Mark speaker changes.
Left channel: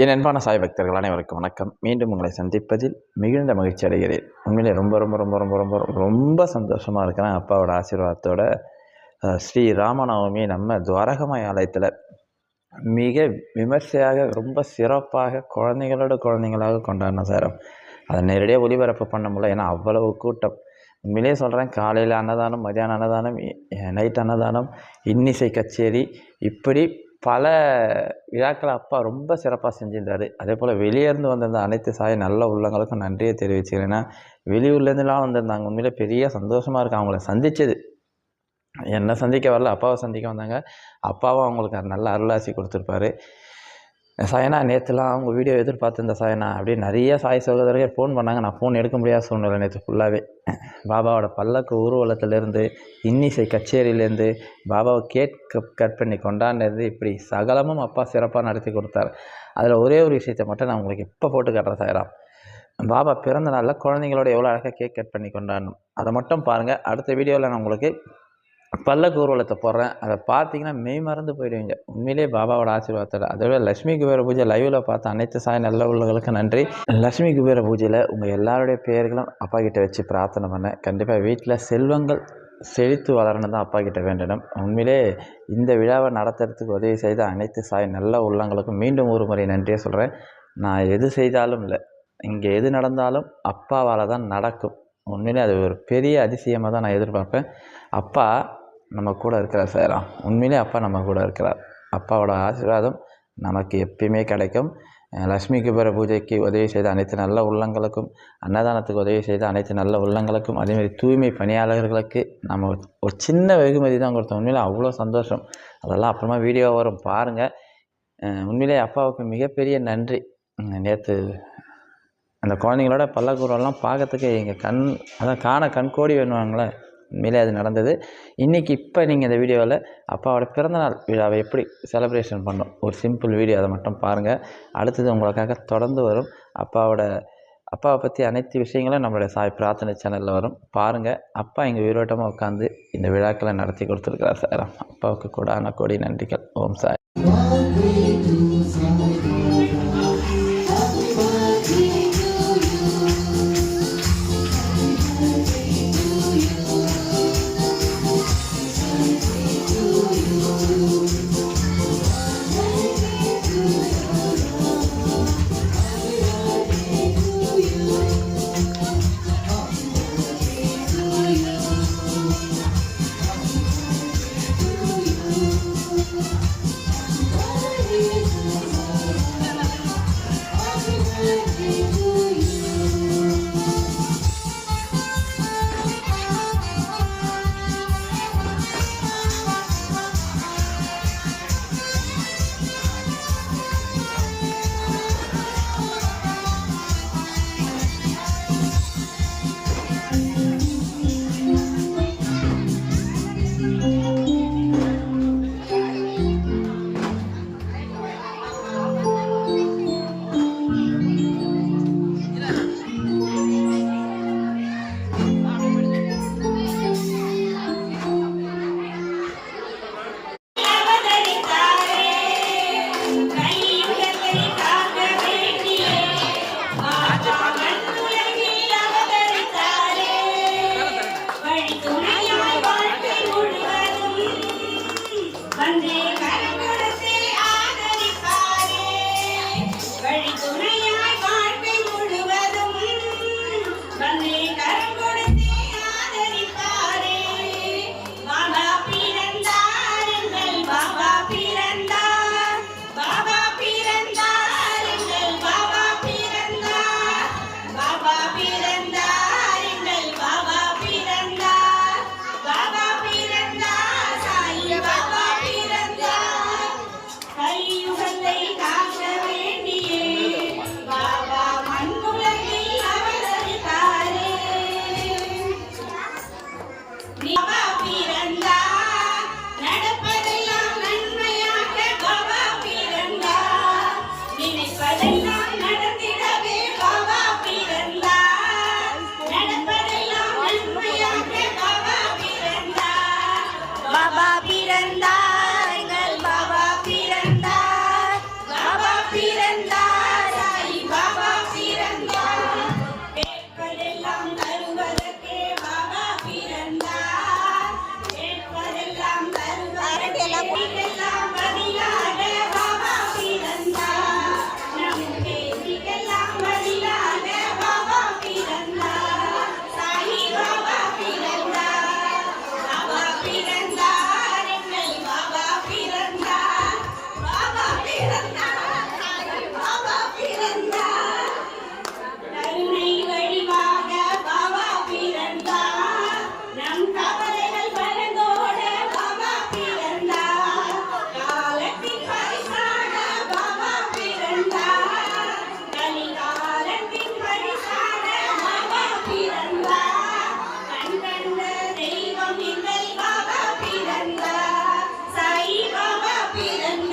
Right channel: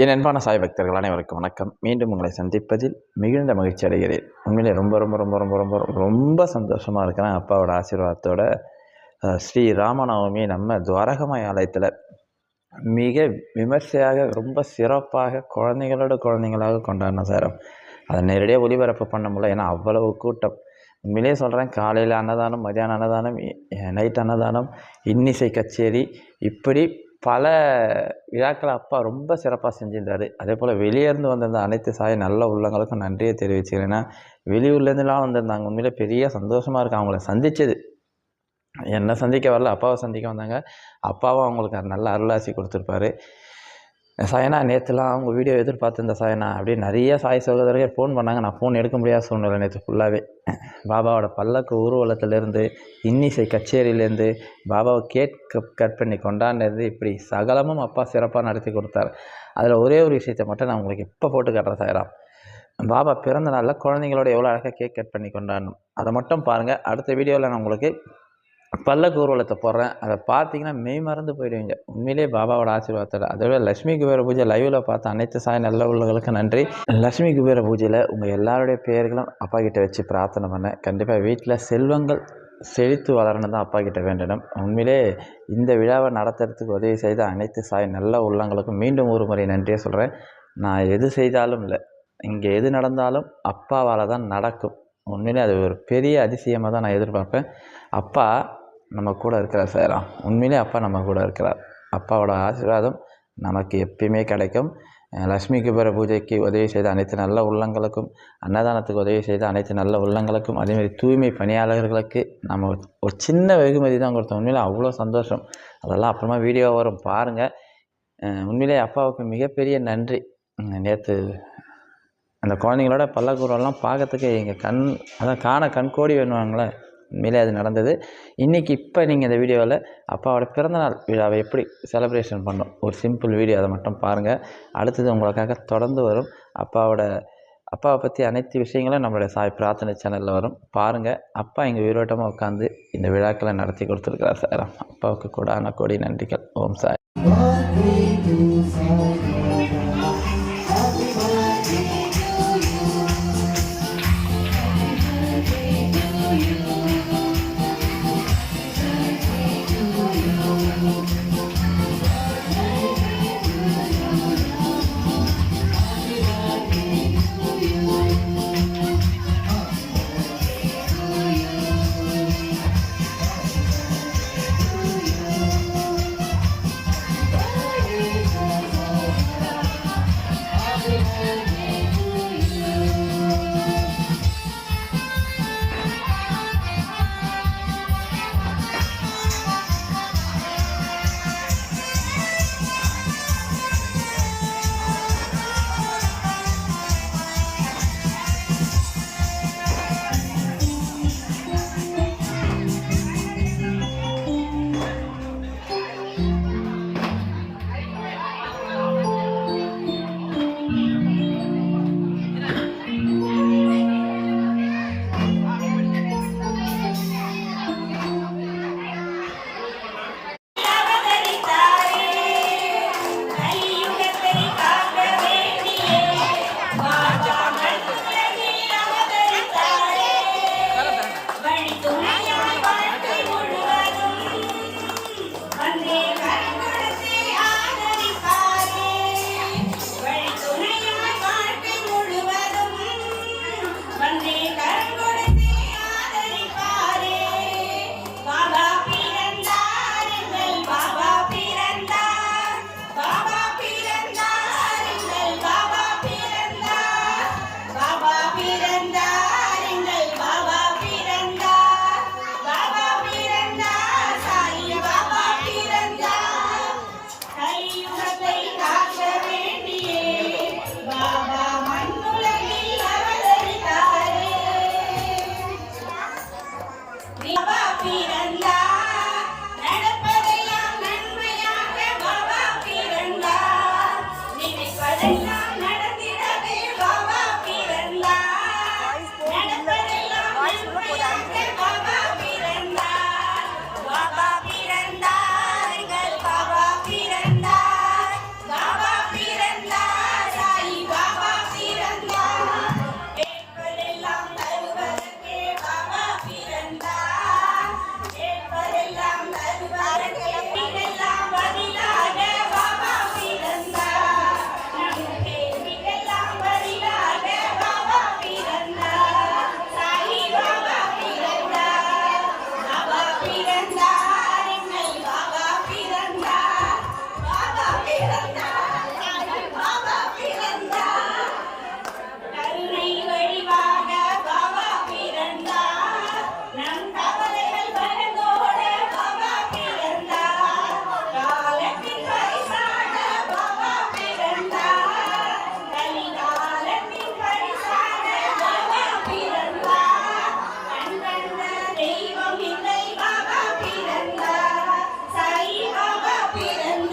Speaker 1: என் அன்பான சாய் பக்தர்கள் அனைவருக்கும் வணக்கம். மீண்டும் உங்களை சந்திப்பதில் மிகுந்த மகிழ்ச்சி அடைகிறேன். உண்மையிலே ரொம்ப ரொம்ப ரொம்ப ரொம்ப ரொம்ப ரொம்ப சந்தோஷமாக இருக்கிறேன். அப்பாவோட ஆசீர்வாதத்தோட ஸ்ரீ ராமநவமி நம்ம துவாரகமாய் ஆலயத்தில் மிக விமர்சையாக ரொம்ப சிறப்பாக குழந்தைகளோட குழந்தைங்களாக கொண்டாடின சார் அதை நேரடியாக ஒளிபரப்பு பண்ண முடியல. ஏன்னா அவ்வளவு கூட்டம். உண்மையிலேயே சொல்கிறேன் காலையில் அன்னதானம் மதியானம் அன்னதானம் நைட் அன்னதானம் இன்னிசை கச்சேரி இப்படி பல விழாக்களை அப்பா ரொம்ப சிறப்பாக செஞ்சிருந்தார். அதே போல் வெளியேருந்து வந்திருந்த அனைத்து சாய நல்ல உள்ளங்களுக்கும் நன்றியை தெரிவிச்சுக்கிறேன். ஏன்னா வெளியூர்லேருந்துலாம் வந்திருந்தாங்க. உண்மையிலே பெரிய சந்தோஷமாக இருக்கு. அவங்கள சந்தித்தது என்னை சந்திக்க வரல அப்பாவை சந்திக்க வந்தாங்க. அப்பாவும் அவங்களுக்கு நல்ல அருளாசி கொடுத்துருப்பாரு. சாயனா நேற்றுலாம் அவங்க வீடியோ எதிர்பார்த்துருந்த சாயனா அப்படியே நிறைய சாய் சகோதரர்கள் ஃபோன் பண்ணாங்க. நான் ஃபோன் எடுக்க முடியாத சூழ்நிலை நேற்று ஃபுல்லாகவே பாபாவோட பல்லக்கு ஊர்வலத்துலேருந்து இன்னிசை கச்சேரியிலேருந்து பாபாவை கேக் கட் பண்ணி கொண்டாடினது இப்படி சகலமும் அப்பா சிறப்பாக நடத்தி கொடுத்தாரு. அதில் ஒரே ஒரு விஷயத்தை மட்டும் நான் உங்களுக்கு இப்போ போட்டு காட்டுறேன் சாயராம் பாபா பிறந்த நாளில் குழந்தைங்களோட எவ்வளோ அழகாக கேக் கட் பண்ணி கொண்டாடணும். அதை மட்டும் பாருங்கள் அடுத்த வீடியோவில் நான் உங்களுக்கு பல்லக்கு ஊர்வலத்தை போடுறேன். அதை பார்த்தீங்கன்னா மெய் மறந்து போயிடுவீங்க. உண்மையிலேயே பாபாவோட ஆசீர்வாதத்தில். அதோட லட்சுமி குபேர பூஜை லைவில் பார்த்த அனைத்து சாய் நல்ல உள்ளவர்களுக்கு நன்றி. லட்சுமி குபேர பூஜையில் உங்கள் எல்லாருடைய பெயர்களும் அப்பா கிட்ட வச்சு பிரார்த்தனை பண்ணேன். கண்டிப்பாக வீட்டில் செல்வங்கள் செழித்து வளரணும் தான் அப்பா கிட்ட வேண்டணும் உண்மையிலே இந்த விழாவை நடத்துறதுக்கு உதவி செய்த அனைத்து சாய் நல்ல உள்ளங்களுக்கும் மீண்டும் ஒரு முறை நன்றியை சொல்கிறேன் நான் எது செய்தாலும் இல்லை. இங்கே எது நடந்தாலும் அப்பாவால் தான் நடக்கும். உண்மையிலே அது ஒரு பெரிய அதிசயமாக தான் நான் எதிர்பார்ப்பேன். அப்பா நம்ம கூட இருக்கிறார் சார். உண்மையிலே அப்பா நம்ம கூட இருக்கிறார். அப்பாவோட ஆசீர்வாதம் நமக்கு எப்பயுமே கிடைக்கும். லக்ஷ்மி குபேர பூஜைக்கு உதவி செய்த அனைத்து நல்ல உள்ளங்களுக்கும் அன்னதானத்துக்கு உதவி செய்த அனைத்து நல்ல உள்ளங்களுக்கும் அதேமாதிரி தூய்மை பணியாளர்களுக்கு நம்ம ஒரு- சின்ன வெகுமதி தான் கொடுத்தோம். உண்மையிலே அவ்வளோ சந்தோஷம். அதெல்லாம் அப்புறமா வீடியோ வரும். பாருங்கள் உண்மையிலே அப்பாவுக்கு மிகப்பெரிய நன்றி. நேற்று அந்த குழந்தைங்களோட பல்லக்கூரெல்லாம் பார்க்கறதுக்கு எங்கள் கண் அதான் காண கண்கோடி வேணுவாங்களே. உண்மையிலே அது நடந்தது. இன்றைக்கி இப்போ நீங்கள் இந்த வீடியோவில் அப்பாவோட பிறந்தநாள் விழாவை எப்படி செலப்ரேஷன் பண்ணோம்? ஒரு சிம்பிள் வீடியோ அதை மட்டும் பாருங்கள் அடுத்தது உங்களுக்காக தொடர்ந்து வரும். அப்பாவோட அப்பாவை பற்றி அனைத்து விஷயங்களும் நம்மளுடைய சாய் பிரார்த்தனை சேனலில் வரும். பாருங்கள் அப்பா எங்கள் உயிரோட்டமாக உட்காந்து இந்த விழாக்களை நடத்தி கொடுத்துருக்கிறார் சார். அப்பாவுக்கு கூடான கோடி நன்றிகள். ஓம் சாய். Hey. happy and